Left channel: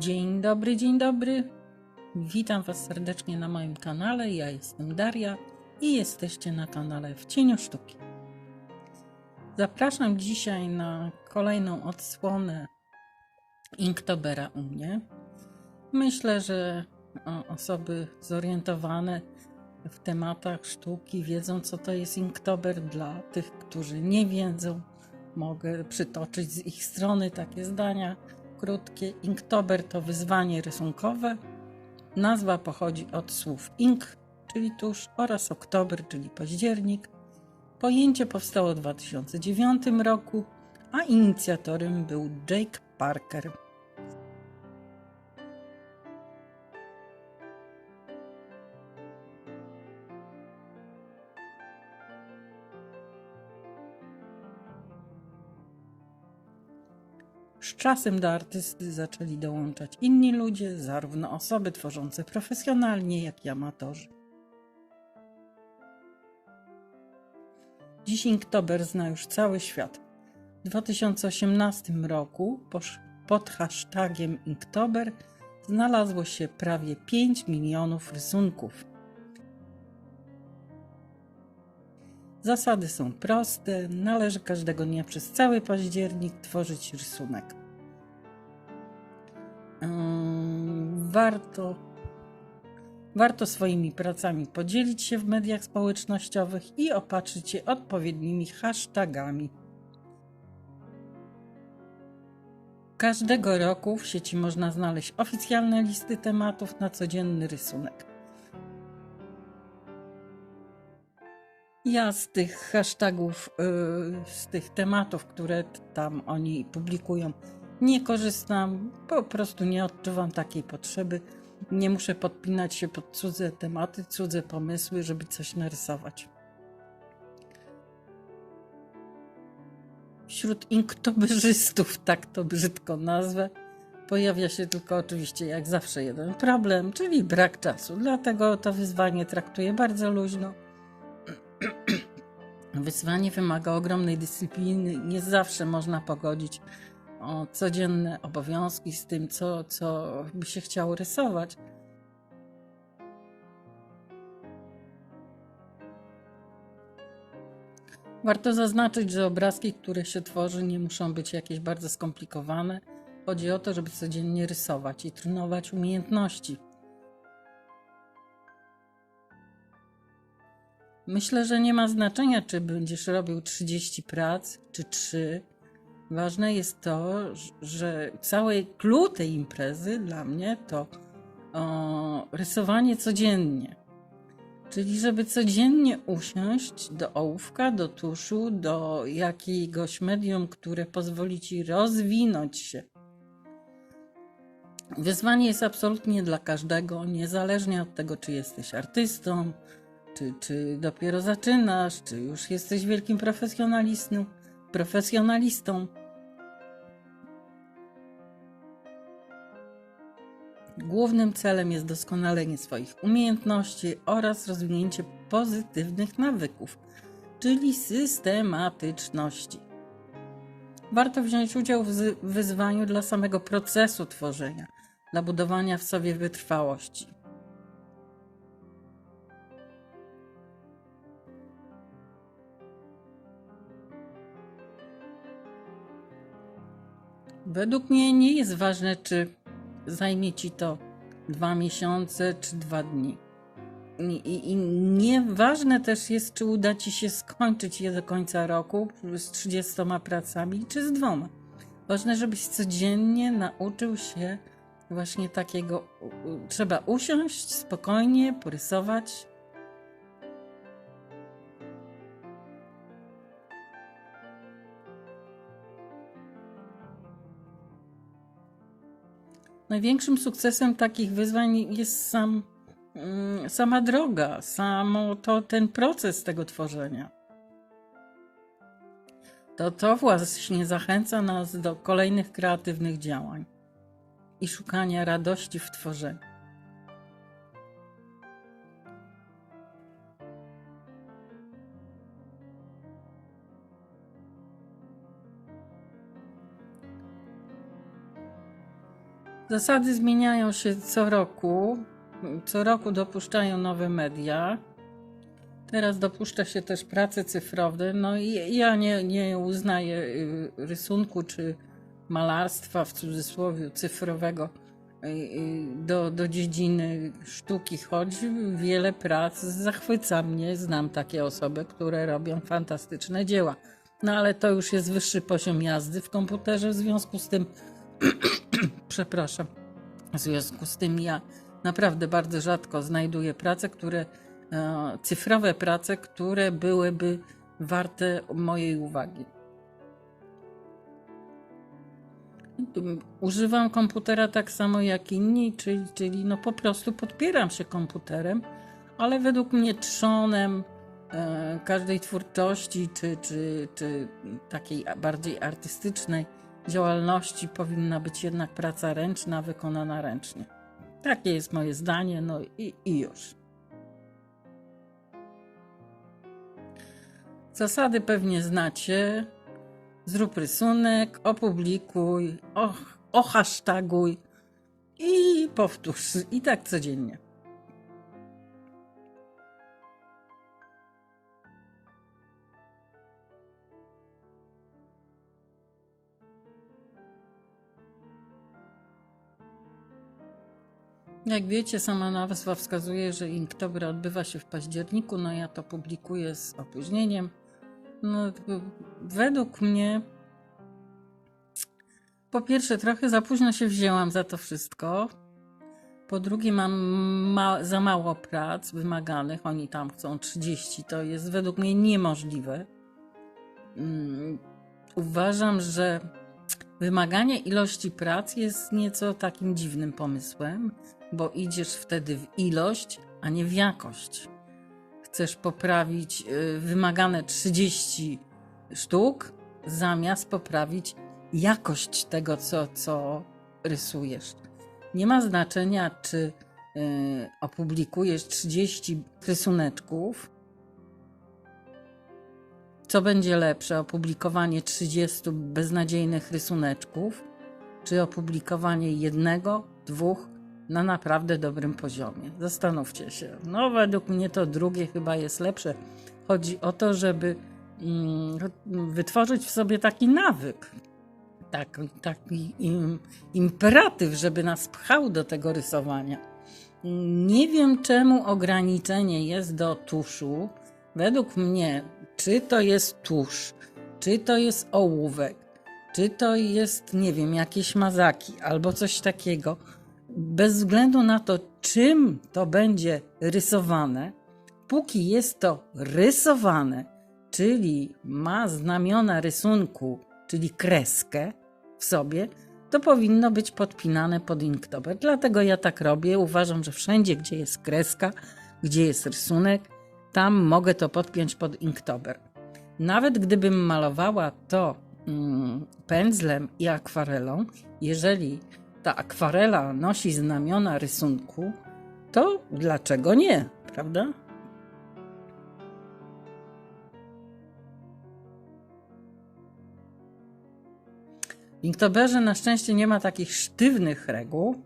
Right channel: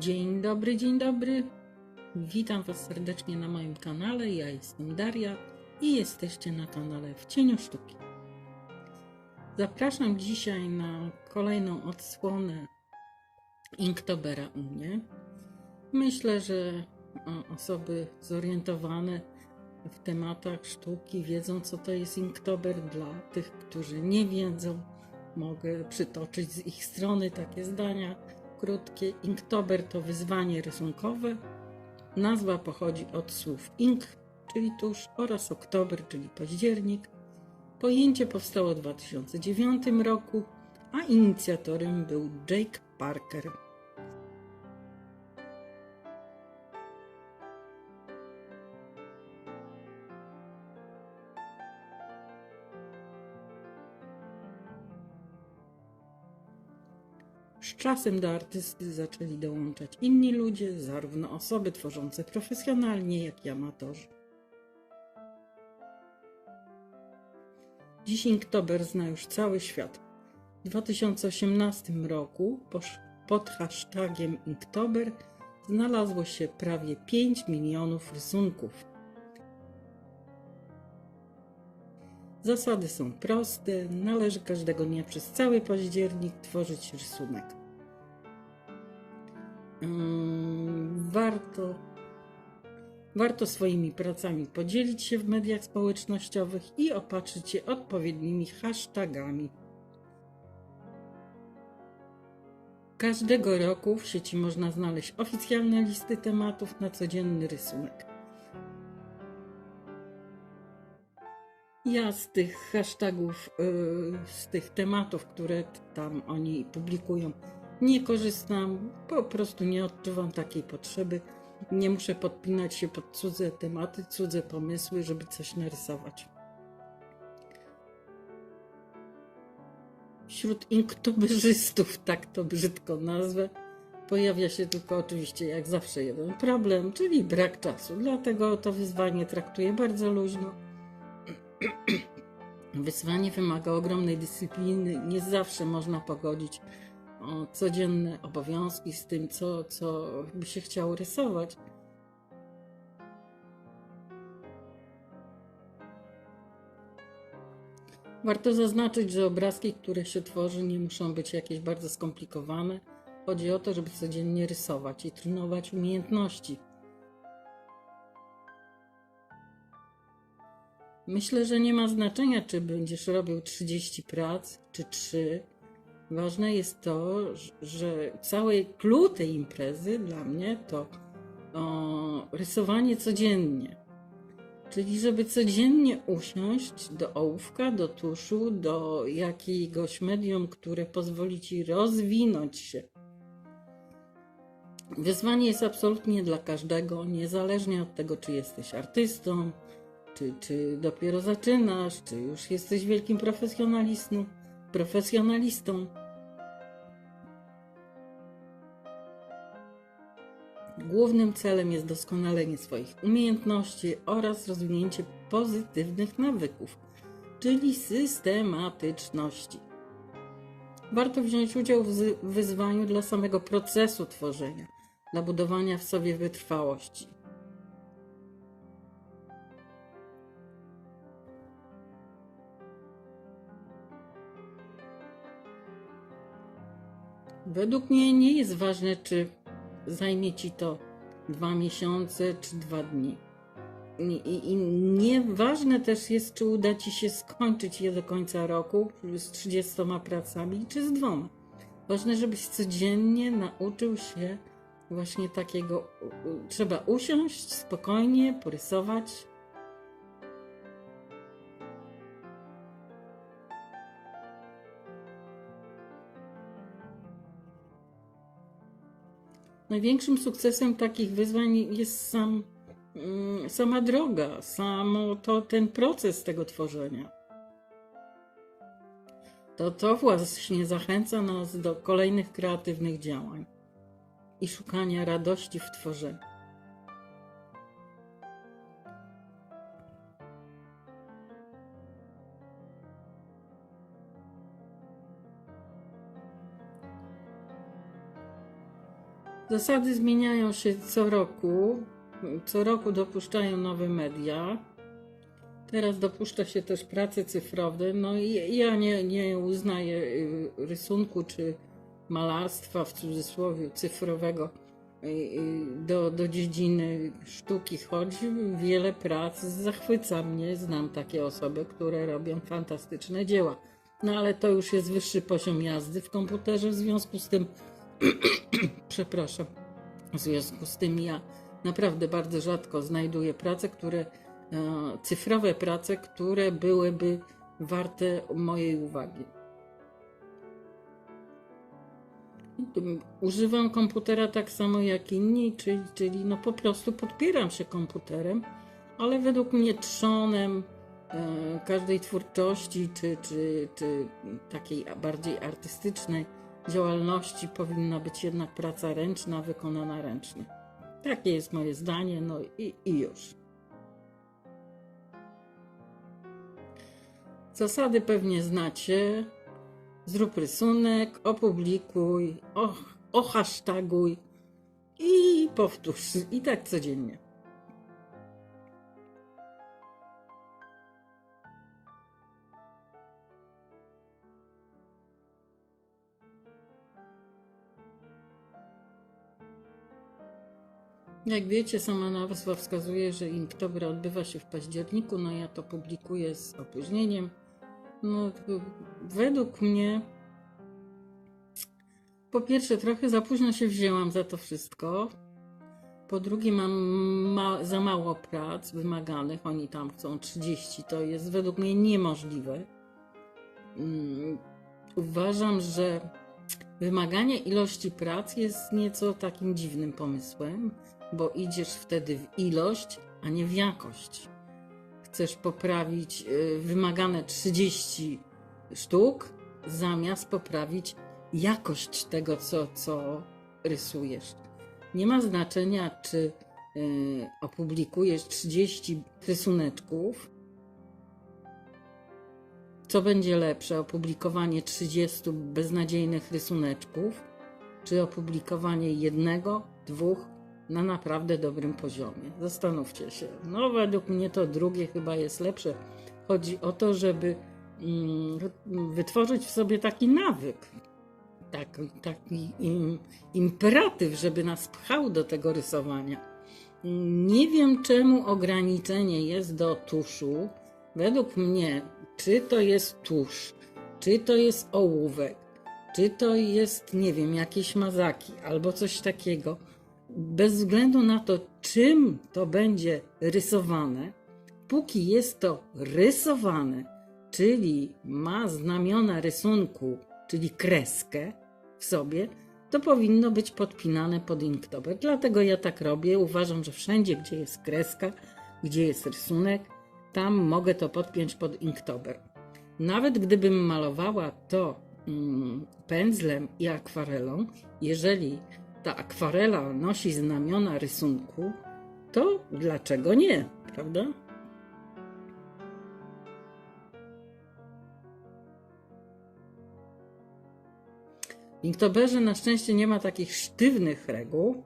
Dzień dobry, dzień dobry. Witam Was serdecznie na moim kanale. Ja jestem Daria i jesteście na kanale W Cieniu Sztuki. Zapraszam dzisiaj na kolejną odsłonę Inktobera u mnie. Myślę, że o, osoby zorientowane w tematach sztuki wiedzą, co to jest Inktober. Dla tych, którzy nie wiedzą, mogę przytoczyć z ich strony takie zdania krótkie. Inktober to wyzwanie rysunkowe. Nazwa pochodzi od słów ink, czyli tusz, oraz oktober, czyli październik. Pojęcie powstało w 2009 roku, a inicjatorem był Jake Parker. Z czasem do artysty zaczęli dołączać inni ludzie, zarówno osoby tworzące profesjonalnie, jak i amatorzy. Dziś Inktober zna już cały świat. W 2018 roku pod hashtagiem Inktober znalazło się prawie 5 milionów rysunków. Zasady są proste. Należy każdego dnia przez cały październik tworzyć rysunek. Warto, warto swoimi pracami podzielić się w mediach społecznościowych i opatrzyć je odpowiednimi hashtagami. Każdego roku w sieci można znaleźć oficjalne listy tematów na codzienny rysunek. Ja z tych hashtagów, yy, z tych tematów, które tam oni publikują, nie korzystam. Po prostu nie odczuwam takiej potrzeby. Nie muszę podpinać się pod cudze tematy, cudze pomysły, żeby coś narysować. Wśród inktoberzystów, tak to brzydko nazwę, pojawia się tylko oczywiście jak zawsze jeden problem, czyli brak czasu. Dlatego to wyzwanie traktuję bardzo luźno. Wyzwanie wymaga ogromnej dyscypliny. Nie zawsze można pogodzić codzienne obowiązki z tym, co, co by się chciało rysować. Warto zaznaczyć, że obrazki, które się tworzy, nie muszą być jakieś bardzo skomplikowane. Chodzi o to, żeby codziennie rysować i trenować umiejętności. Myślę, że nie ma znaczenia, czy będziesz robił 30 prac, czy 3. Ważne jest to, że cały clue tej imprezy dla mnie to o, rysowanie codziennie. Czyli, żeby codziennie usiąść do ołówka, do tuszu, do jakiegoś medium, które pozwoli ci rozwinąć się. Wyzwanie jest absolutnie dla każdego, niezależnie od tego, czy jesteś artystą, czy, czy dopiero zaczynasz, czy już jesteś wielkim profesjonalistą, profesjonalistą. Głównym celem jest doskonalenie swoich umiejętności oraz rozwinięcie pozytywnych nawyków, czyli systematyczności. Warto wziąć udział w wyzwaniu dla samego procesu tworzenia, dla budowania w sobie wytrwałości. Według mnie nie jest ważne, czy zajmie ci to dwa miesiące czy dwa dni. I, i, I nieważne też jest, czy uda ci się skończyć je do końca roku z 30 pracami, czy z dwoma. Ważne, żebyś codziennie nauczył się właśnie takiego. Trzeba usiąść spokojnie, porysować. Największym sukcesem takich wyzwań jest sam, mm, sama droga, samo to, ten proces tego tworzenia. To to właśnie zachęca nas do kolejnych kreatywnych działań i szukania radości w tworzeniu. Zasady zmieniają się co roku. Co roku dopuszczają nowe media. Teraz dopuszcza się też prace cyfrowe. No i ja nie, nie uznaję y, rysunku czy malarstwa w cudzysłowie cyfrowego y, y, do, do dziedziny sztuki, choć wiele prac zachwyca mnie. Znam takie osoby, które robią fantastyczne dzieła. No ale to już jest wyższy poziom jazdy w komputerze, w związku z tym, przepraszam, w związku z tym ja naprawdę bardzo rzadko znajduję prace, które, e, cyfrowe prace, które byłyby warte mojej uwagi. Używam komputera tak samo jak inni, czyli, czyli no po prostu podpieram się komputerem, ale według mnie trzonem e, każdej twórczości czy, czy, czy takiej bardziej artystycznej działalności powinna być jednak praca ręczna, wykonana ręcznie. Takie jest moje zdanie, no i, i już. Zasady pewnie znacie. Zrób rysunek, opublikuj, o, ohasztaguj i powtórz. I tak codziennie. Jak wiecie, sama nazwa wskazuje, że Inktober odbywa się w październiku, no ja to publikuję z opóźnieniem. No, według mnie, po pierwsze, trochę za późno się wzięłam za to wszystko. Po drugie, mam ma za mało prac wymaganych. Oni tam chcą 30, to jest według mnie niemożliwe. Mm, Uważam, że wymaganie ilości prac jest nieco takim dziwnym pomysłem, bo idziesz wtedy w ilość, a nie w jakość. Chcesz poprawić y, wymagane 30 sztuk, zamiast poprawić jakość tego, co, co rysujesz. Nie ma znaczenia, czy y, opublikujesz 30 rysuneczków, co będzie lepsze, opublikowanie 30 beznadziejnych rysuneczków, czy opublikowanie jednego, dwóch na naprawdę dobrym poziomie? Zastanówcie się. No, według mnie to drugie chyba jest lepsze. Chodzi o to, żeby mm, wytworzyć w sobie taki nawyk, taki, taki im, imperatyw, żeby nas pchał do tego rysowania. Nie wiem, czemu ograniczenie jest do tuszu. Według mnie, czy to jest tusz, czy to jest ołówek, czy to jest, nie wiem, jakieś mazaki albo coś takiego, bez względu na to, czym to będzie rysowane, póki jest to rysowane, czyli ma znamiona rysunku, czyli kreskę w sobie, to powinno być podpinane pod inktober. Dlatego ja tak robię. Uważam, że wszędzie, gdzie jest kreska, gdzie jest rysunek, tam mogę to podpiąć pod inktober. Nawet gdybym malowała to mm, pędzlem i akwarelą, jeżeli ta akwarela nosi znamiona rysunku, to dlaczego nie, prawda? W Inktoberze na szczęście nie ma takich sztywnych reguł.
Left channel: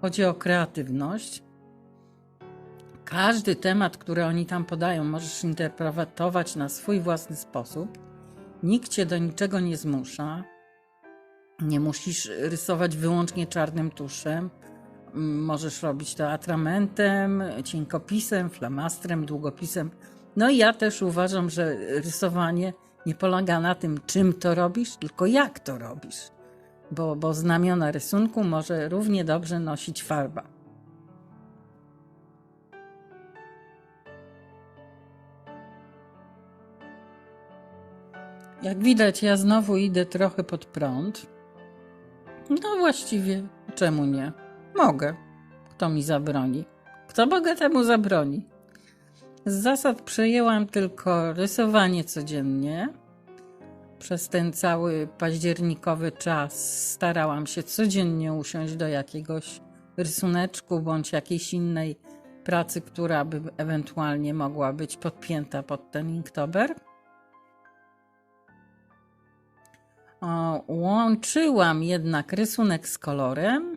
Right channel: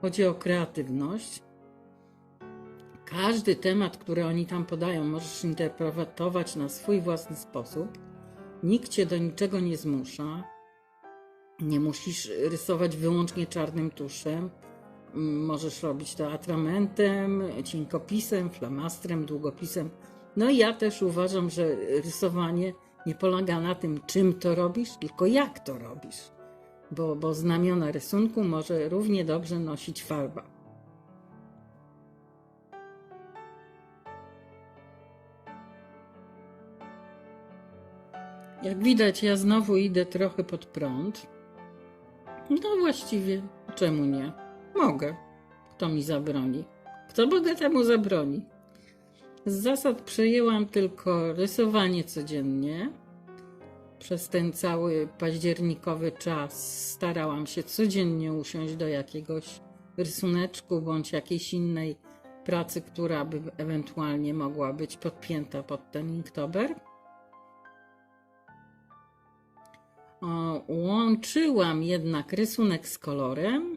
Chodzi o kreatywność. Każdy temat, który oni tam podają, możesz interpretować na swój własny sposób. Nikt cię do niczego nie zmusza. Nie musisz rysować wyłącznie czarnym tuszem. Możesz robić to atramentem, cienkopisem, flamastrem, długopisem. No i ja też uważam, że rysowanie nie polega na tym, czym to robisz, tylko jak to robisz. Bo, bo znamiona rysunku może równie dobrze nosić farba. Jak widać, ja znowu idę trochę pod prąd. No właściwie, czemu nie? Mogę. Kto mi zabroni? Kto bogatemu zabroni? Z zasad przejęłam tylko rysowanie codziennie. Przez ten cały październikowy czas starałam się codziennie usiąść do jakiegoś rysuneczku bądź jakiejś innej pracy, która by ewentualnie mogła być podpięta pod ten inktober. Łączyłam jednak rysunek z kolorem,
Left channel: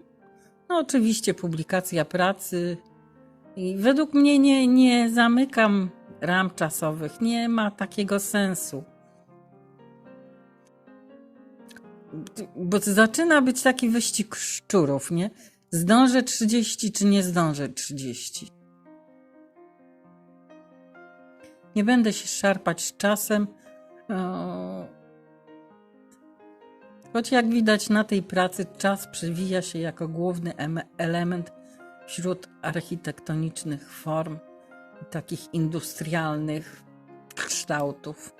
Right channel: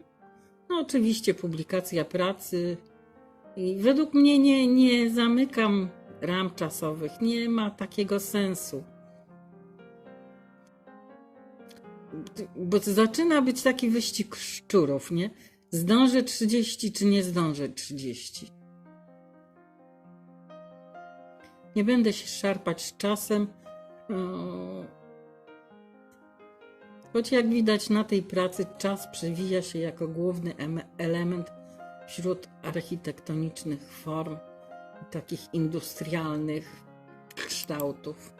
No oczywiście publikacja pracy i według mnie nie, nie zamykam ram czasowych, nie ma takiego sensu. Bo zaczyna być taki wyścig szczurów, nie? Zdążę 30 czy nie zdążę 30. Nie będę się szarpać z czasem. Choć jak widać na tej pracy czas przewija się jako główny em- element wśród architektonicznych form, takich industrialnych kształtów.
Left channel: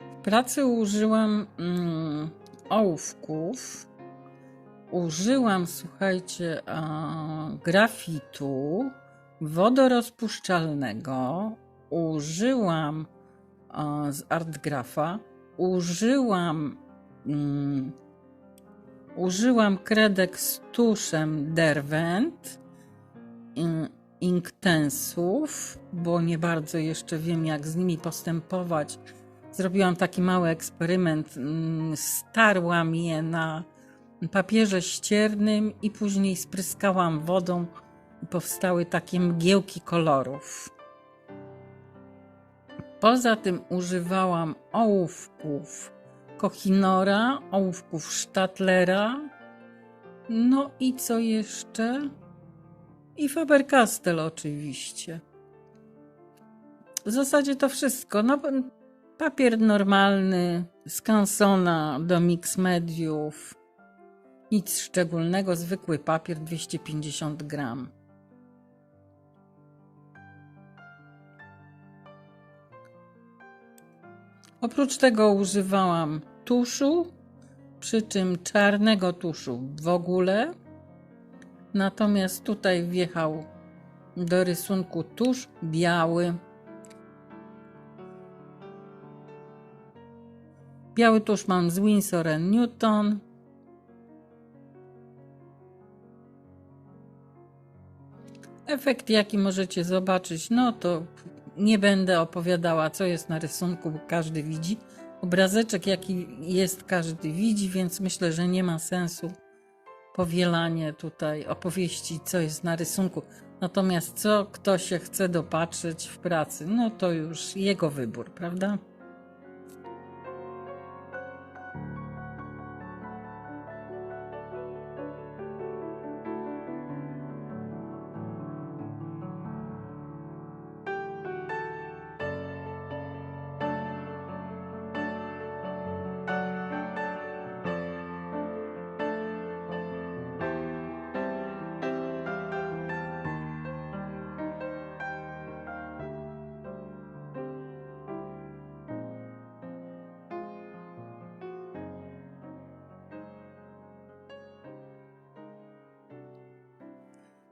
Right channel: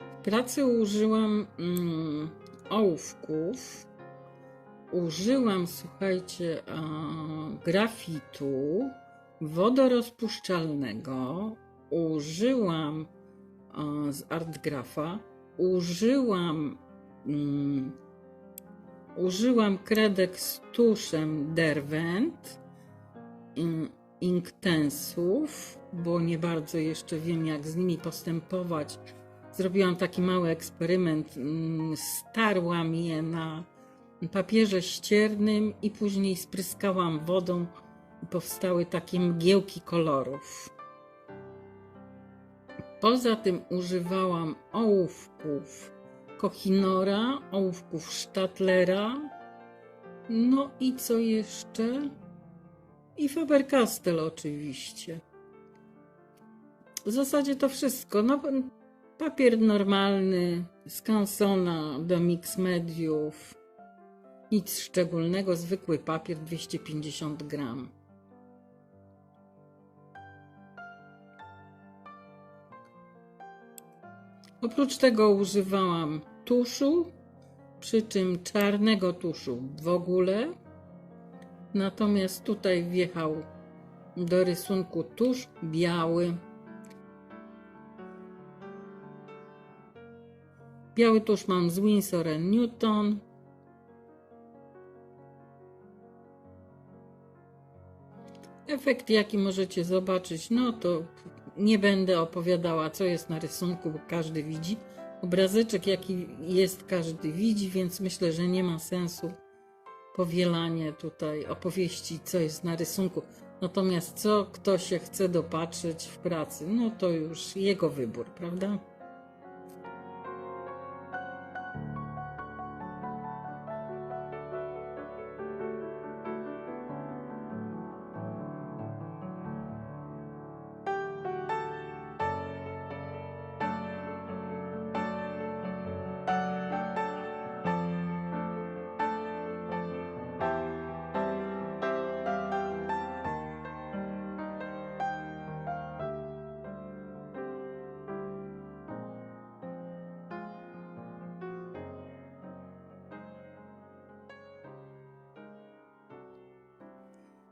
W pracy użyłam mm, ołówków, użyłam, słuchajcie, grafitu wodorozpuszczalnego, użyłam a, z Artgrafa, użyłam mm, użyłam kredek z tuszem Derwent mm, Inktensów, bo nie bardzo jeszcze wiem jak z nimi postępować. Zrobiłam taki mały eksperyment, mm, starłam je na papierze ściernym i później spryskałam wodą i powstały takie mgiełki kolorów. Poza tym używałam ołówków Kochinora, ołówków Stadlera, no i co jeszcze? I Faber-Castell oczywiście. W zasadzie to wszystko. No, papier normalny, z do mix mediów. Nic szczególnego, zwykły papier 250 gram. Oprócz tego używałam tuszu, przy czym czarnego tuszu w ogóle. Natomiast tutaj wjechał do rysunku tusz biały. Biały tusz mam z Winsor Newton. Efekt, jaki możecie zobaczyć, no to nie będę opowiadała, co jest na rysunku, bo każdy widzi. Obrazeczek, jaki jest, każdy widzi, więc myślę, że nie ma sensu powielanie tutaj opowieści, co jest na rysunku. Natomiast co kto się chce dopatrzeć w pracy, no to już jego wybór, prawda?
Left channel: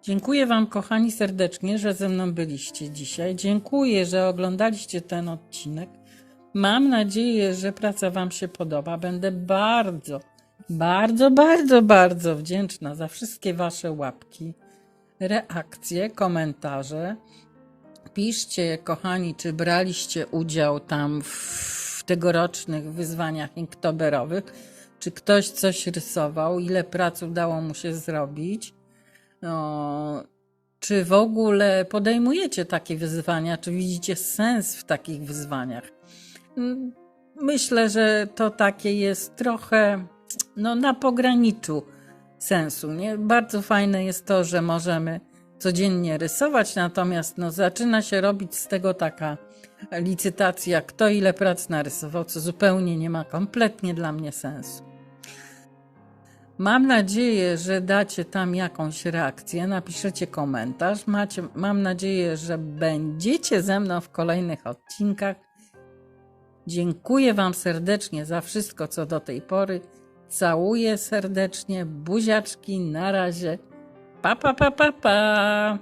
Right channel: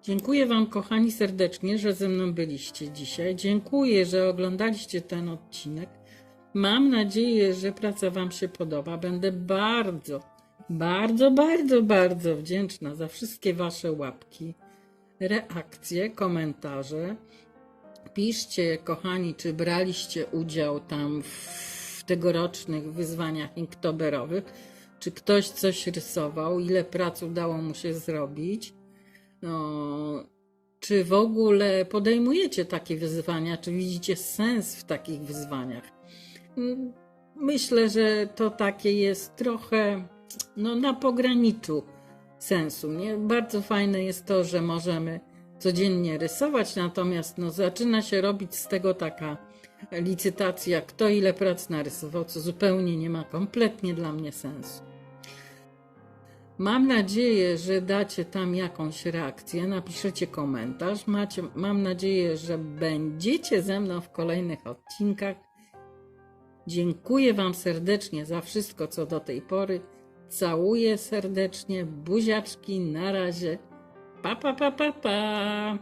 Dziękuję Wam, kochani, serdecznie, że ze mną byliście dzisiaj. Dziękuję, że oglądaliście ten odcinek. Mam nadzieję, że praca Wam się podoba. Będę bardzo, bardzo, bardzo, bardzo wdzięczna za wszystkie Wasze łapki, reakcje, komentarze. Piszcie, kochani, czy braliście udział tam w tegorocznych wyzwaniach inktoberowych, czy ktoś coś rysował, ile prac udało mu się zrobić. No, czy w ogóle podejmujecie takie wyzwania? Czy widzicie sens w takich wyzwaniach? Mm, Myślę, że to takie jest trochę no, na pograniczu sensu. Nie? Bardzo fajne jest to, że możemy codziennie rysować, natomiast no, zaczyna się robić z tego taka licytacja, kto ile prac narysował, co zupełnie nie ma kompletnie dla mnie sensu. Mam nadzieję, że dacie tam jakąś reakcję, napiszecie komentarz. Macie, mam nadzieję, że będziecie ze mną w kolejnych odcinkach. Dziękuję Wam serdecznie za wszystko, co do tej pory. Całuję serdecznie, buziaczki, na razie. Pa, pa, pa, pa, pa.